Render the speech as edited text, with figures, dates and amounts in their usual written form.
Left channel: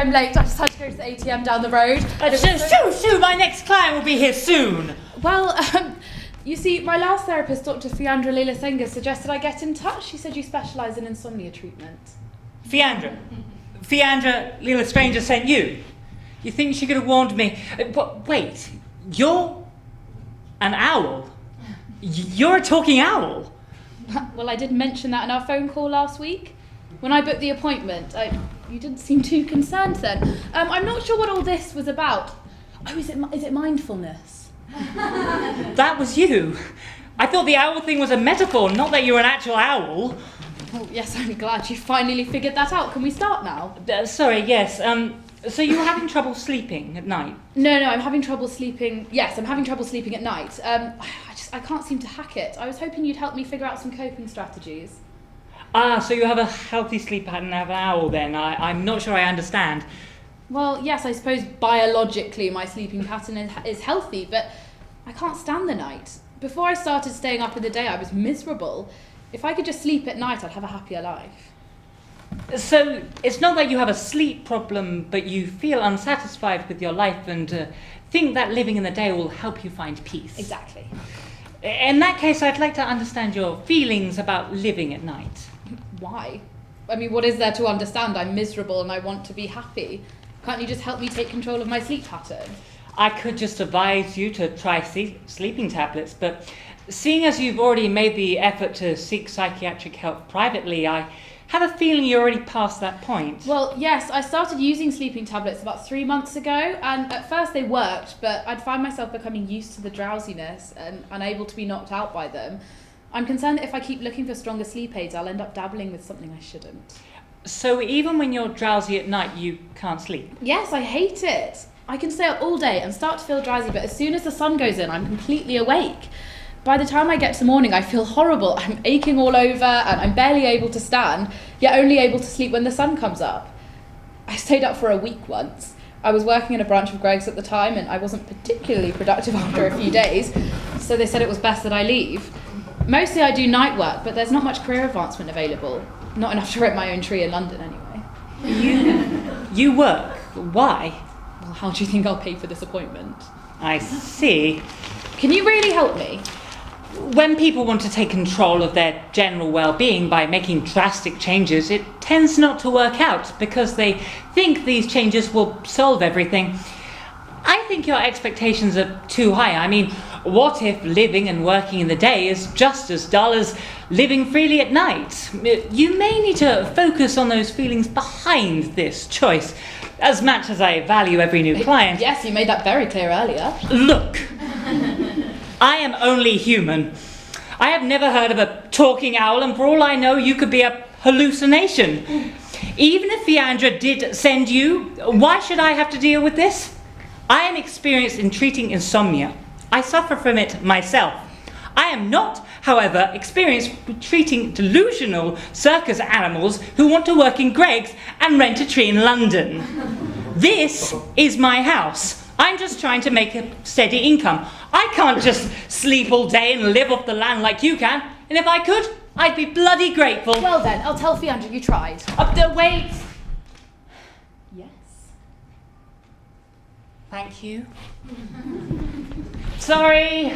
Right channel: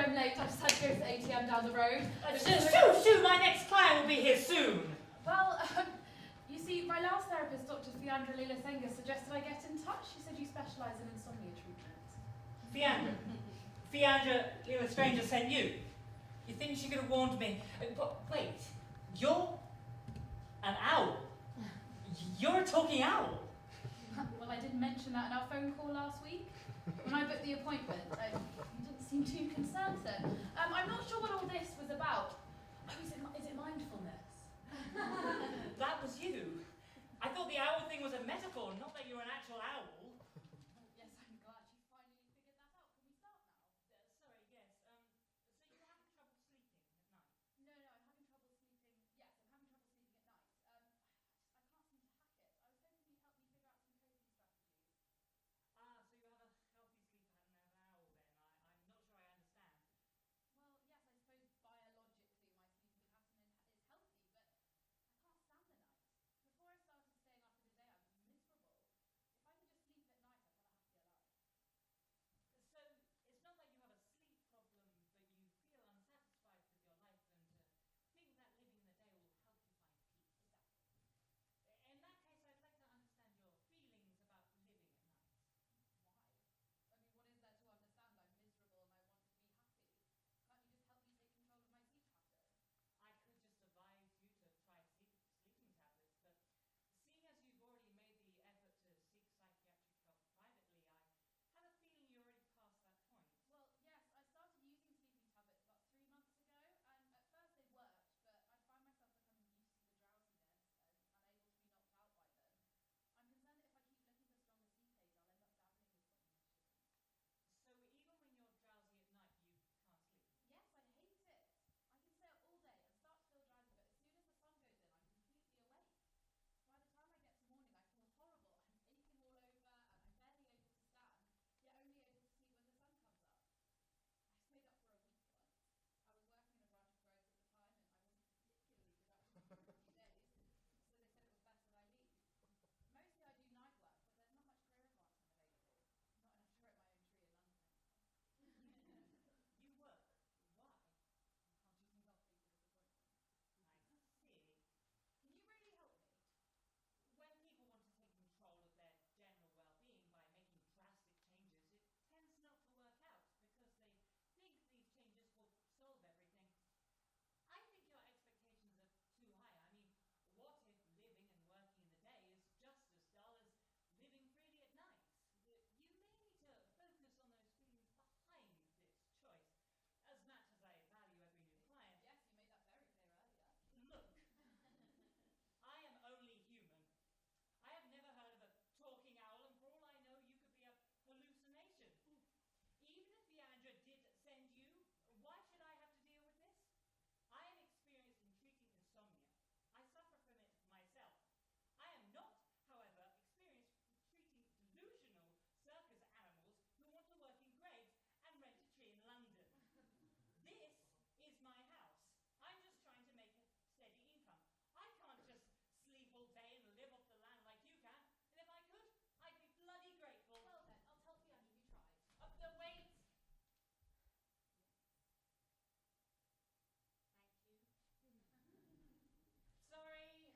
I'm late. I just had to go to the ATM down the road. Shoo, my next client will be here soon. Well, you see, my last therapist, Dr. Fiandra Leela-Senga, suggested I get in touch. She said you specialise in insomnia treatment. Fiandra Leela-Stranger sent you. You think she could have warned me? Wait, you're an owl? You're a talking owl? Well, I did mention that in our phone call last week. When I booked the appointment, you didn't seem too concerned then. I'm not sure what all this was about. Oh, is it mindfulness? That was you. I thought the owl thing was a metaphor, not that you're an actual owl. Oh, yes, I'm glad you finally figured that out. Can we start now? Sorry, yes. So you were having trouble sleeping at night? No, I'm having trouble sleeping. Yes, I'm having trouble sleeping at night. I can't seem to hack it. I was hoping you'd help me figure out some coping strategies. So you have a healthy sleep pattern of an owl then? I'm not sure I understand. Well, yes, I suppose biologically my sleeping pattern is healthy, but I can't stand the night. Before I started staying up in the day, I was miserable. If I could just sleep at night, I'd have a happier life. So it's not that you have a sleep problem, but you feel unsatisfied with your life and think that living in the day will help you find peace. Exactly. In that case, I'd like to understand your feelings about living at night. Why? I mean, what is there to understand? I'm miserable and I want to be happy. Can't you just help me take control of my sleep pattern? I could just advise you to try sleeping tablets, but seeing as you've already made the effort to seek psychiatric help privately, I have a feeling you're already past that point. Well, yes, I started using sleeping tablets about 3 months ago, and at first they worked, but I'd find myself becoming used to the drowsiness and unable to be knocked out by them. I'm concerned that if I keep looking for stronger sleep aids, I'll end up dabbling with something I shouldn't. So even when you're drowsy at night, you can't sleep? Yes, I hate it. I can stay up all day and start to feel drowsy, but as soon as the sun goes in, I'm completely awake. By the time I get to the morning, I feel horrible. I'm aching all over and I'm barely able to stand, yet only able to sleep when the sun comes up. I stayed up for a week once. I was working in a branch of Greggs at the time and I wasn't particularly productive after a few days, so they said it was best that I leave. Mostly I do night work, but there's not much career advancement available. Not enough to rent my own tree in London anyway. You work? Why? Well, how do you think I'll pay for this appointment? I see. Can you really help me? When people want to take control of their general well-being by making drastic changes, it tends not to work out because they think these changes will solve everything. I think your expectations are too high. I mean, what if living and working in the day is just as dull as living freely at night? You may need to focus on those feelings behind this choice. As much as I value every new client... Yes, you made that very clear earlier. Look, I am only human. I have never heard of a talking owl, and for all I know, you could be a hallucination. Even if Fiandra did send you, why should I have to deal with this? I am experienced in treating insomnia. I suffer from it myself. I am not, however, experienced with treating delusional circus animals who want to work in Greggs and rent a tree in London. This is my house. I'm just trying to make a steady income. I can't just sleep all day and live off the land like you can. And if I could, I'd be bloody grateful. Well then, I'll tell Fiandra you tried. Wait. Yes. Thank you. Sorry.